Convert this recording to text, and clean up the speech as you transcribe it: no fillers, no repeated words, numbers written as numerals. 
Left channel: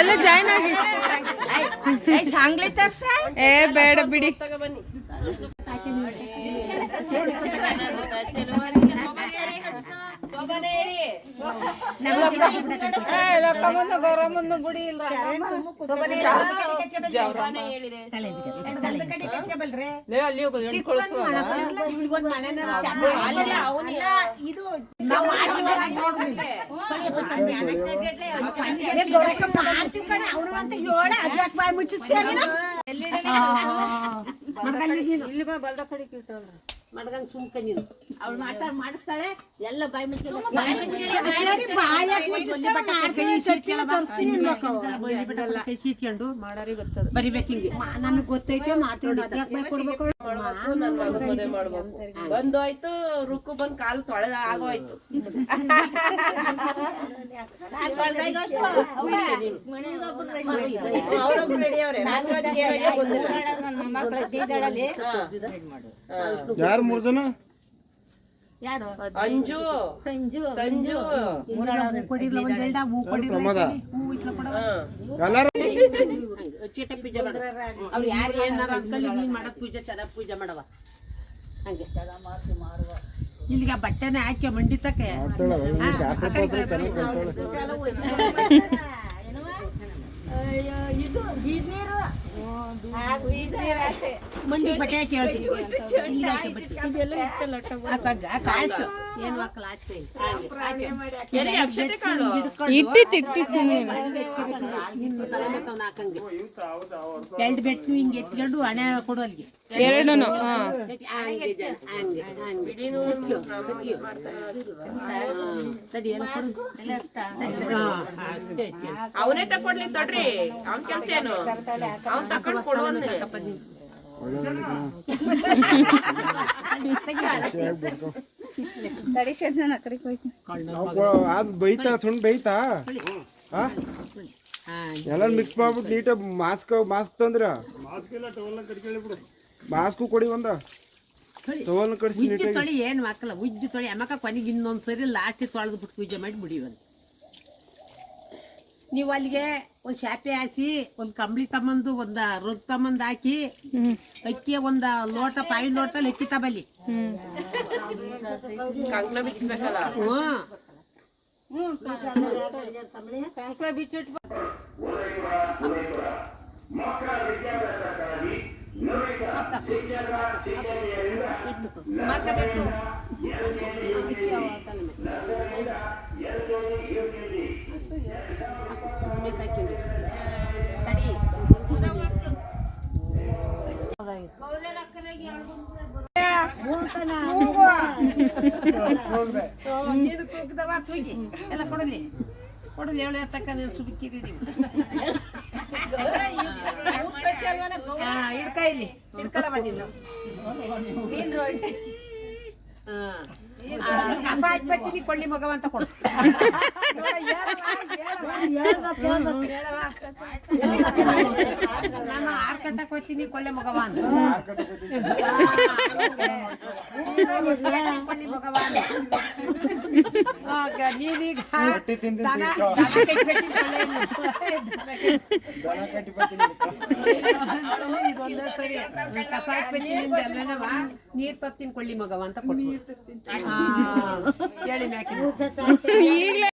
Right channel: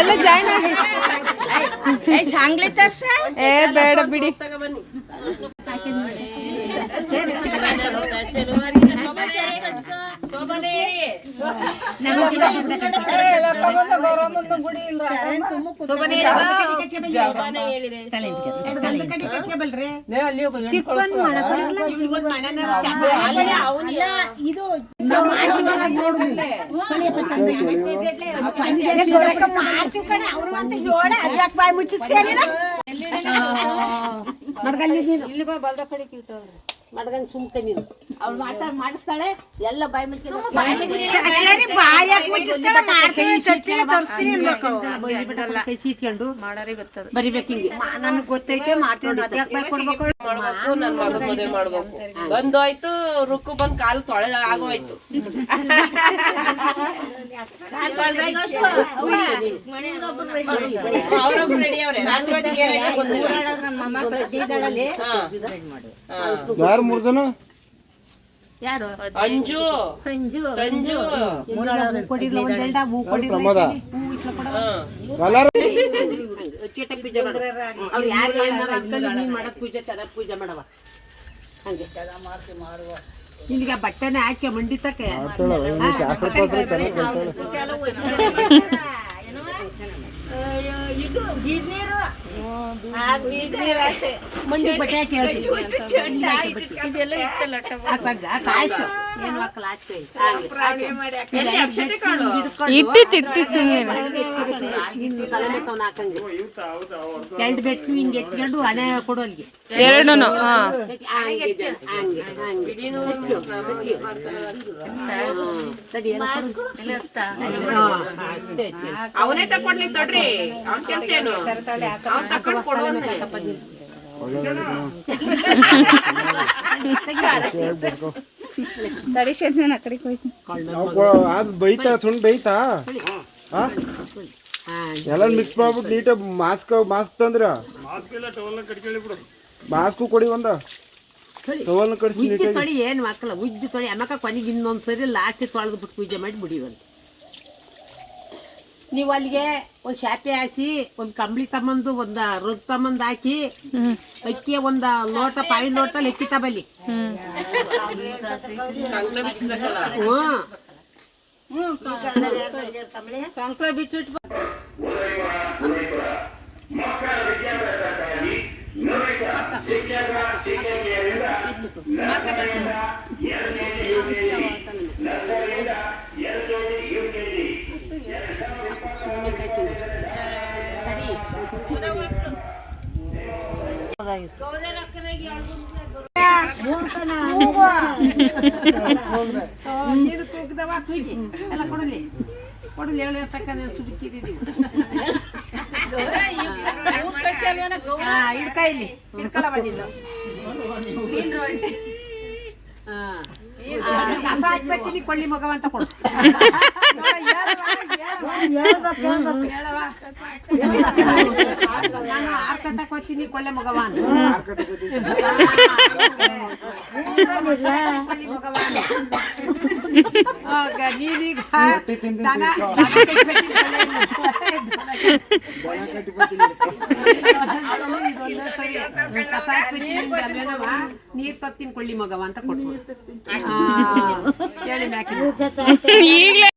ಎಲ್ಲ ಜಾಯ್ನ್ ಆಗಿ ಸಾಂಗ್ಲಿ ತರ್ಸ ಏ ಬೇಡ ಬಿಡಿ ಮಡ್ಗಂಗ್ ಸುಮ್ಕೆ ನೀನು ಅವ್ಳು ಮಾಡಿಸ್ತಾಳೆ ಎಲ್ಲ ಬಾಯಿ ಮುಚ್ಕೊಂಡು ಬರಿಬೇಕು ಹಿಂಗೆ ನಮ್ಗೆ ಗೊತ್ತೈತೆ ಮಾಡ್ತೀನಿ ಅದ್ಯಾಕೆ ಬಾಯ್ ಕೊಡ್ಬೇಕು ನನ್ ಮಗನ್ ಮದುವೆ ಮಾಡ್ಬೇಕು ಬಂದೋಯ್ತು ರುಕ್ಕು ಬಂದ್ ಕಾಲು ತೊಳೆದ ಆಗೋಯ್ತು ಅವ್ರೊಬ್ರು ರೆಡಿ ಅವ್ರೆ ರಾತ್ರಿ ಹೊತ್ತಿಗೆ ಏನಾಯ್ತು ಗೊತ್ತಿಲ್ಲ ಯಾರು 3 ಜನ ಯಾರು ಅಂಜು ಸಂಜು ಸಂಜು ಕೊಡಿಲ್ಲ ಒಂದೆರಡ ಹೂ ಕೊಡಿಲ್ಲ ಪ್ರಮೋದ ಎಲ್ಲಾರು ಚೀಟ ಪೂಜೆ ಮಾಡು ಅವ್ರು ಯಾರು ಏನಾರ ಅಂಕಲ್ ನೀನ್ ಮಾಡೋದ್ ಪೂಜೆ ಚೆನ್ನಾಗಿ ಪೂಜೆ ಮಾಡವ ಹಂಗೆ ಇಲ್ಲಿಗೆ ಬಟ್ಟೆನೆ ಹಾಕಿ ಮಂಡಿತಕ್ಕೆ ಇದು ಬೀದ್ನೀರು ಮಂಡಿ ಬಟ್ಟೆ ಹಾಕಿ ಇಟ್ಟಿ ಸುಮ್ಮನೆ ಎರಡು ಬೆಟ್ಟು ಹಿಂಗೆ ಎತ್ಕೊಂಡು ಹಣೆ ಕೊಡು ಅಲ್ಲಿಗೆ ಎರಡೂ ಅವನೇ ತಕೊಂಡ್ಲಿ ತೊಡ್ರಿ ಅವ್ನ ಕೆಲ್ಸ ಏನು ಅವ್ನ್ ತಕೊಂಡ್ ಕೊಡುವಂತೆ ಅದು ಬೈತಾ ಸುಂಡ್ ಬೈತಾ ಎಲ್ಲ ಮಿಕ್ಸ್ ಮಾಡ್ಬಿಟ್ಟು ನೀಟಾಗಿ ಮಾಸ್ಕ್ ತಂದ್ರ ಮಾಸ್ಕು ಕೊಡಿ ಒಂದ ಟವಲ್ನ ಕಡಿಸಿ ಉಜ್ಜು ತೊಳಿ ಏನು ಹಾಕಲ್ಲ ಉಜ್ಜು ತೊಳಿ ಅಮ್ಮಕ್ಕ ಕೊನೆಗೆ ಇನ್ನೊಂದು ಸರಿ ಲಾಸ್ಟ್ ತೊಳೆದು ಬಿಟ್ಟು ಪೂಜೆ ಮಾಡಿ ಬಿಡಿವಂತ ನೀವು ಅಲ್ಲಿಗೆ ಒಂದು ಶಾಪೆ ಹಾಸಿ ಒಂದು ಕಂಬಳಿ ತಮ್ಮಂದು ಒಂದು ರೊಗ್ ತಮ್ಮಂದು ಹಾಕಿ ಅಕ್ಕಿ ಒಂದು ಲೋಟ ಪಾವಿ ಲೋಟಲ್ಲಿ ಅಕ್ಕಿ ತಬಲ್ಲಿ ಕಂಕಳ ಬಿಚ್ಚಿಟ್ಟು ಎಲ್ಲ ಕೊಡಲಿ ಕೊಡಲಿ ಹೇಳಿ ತಕ್ಕ ಸುಬಿಕ್ಕಿದ್ದೀವಿ ಹಿಡ್ಕಾಯಿಲಿ ಹಿಡ್ಕಲ್ಲ ಬಂದಿಲ್ಲ ಕಸ ಹಾಕ್ಬರ್ತೀನಿ ಕೊಳ್ಳಿ ಮಗವ ಅಂತ ಕೊಡು ನಾನು 6 ಗಂಟೆಗೆ ಹೋಗ್ತೀನಿ ಕೊಳ್ಳೆ ಮಗವ ಕೊಳ್ಳಿ ಮಗವ ನೀನೀಗ ಕಸ ಹಾಕ್ಬೇಕಿಂದ ಅಲ್ವೇನವ ನೀರ್ ತತ್ತೀನಿ ಕೊಳ್ಳಿ ಮಗವ ಅಂತ ಕೊಟ್ಟು ಹೇಳಿ ಮ್ಯಾಕಿ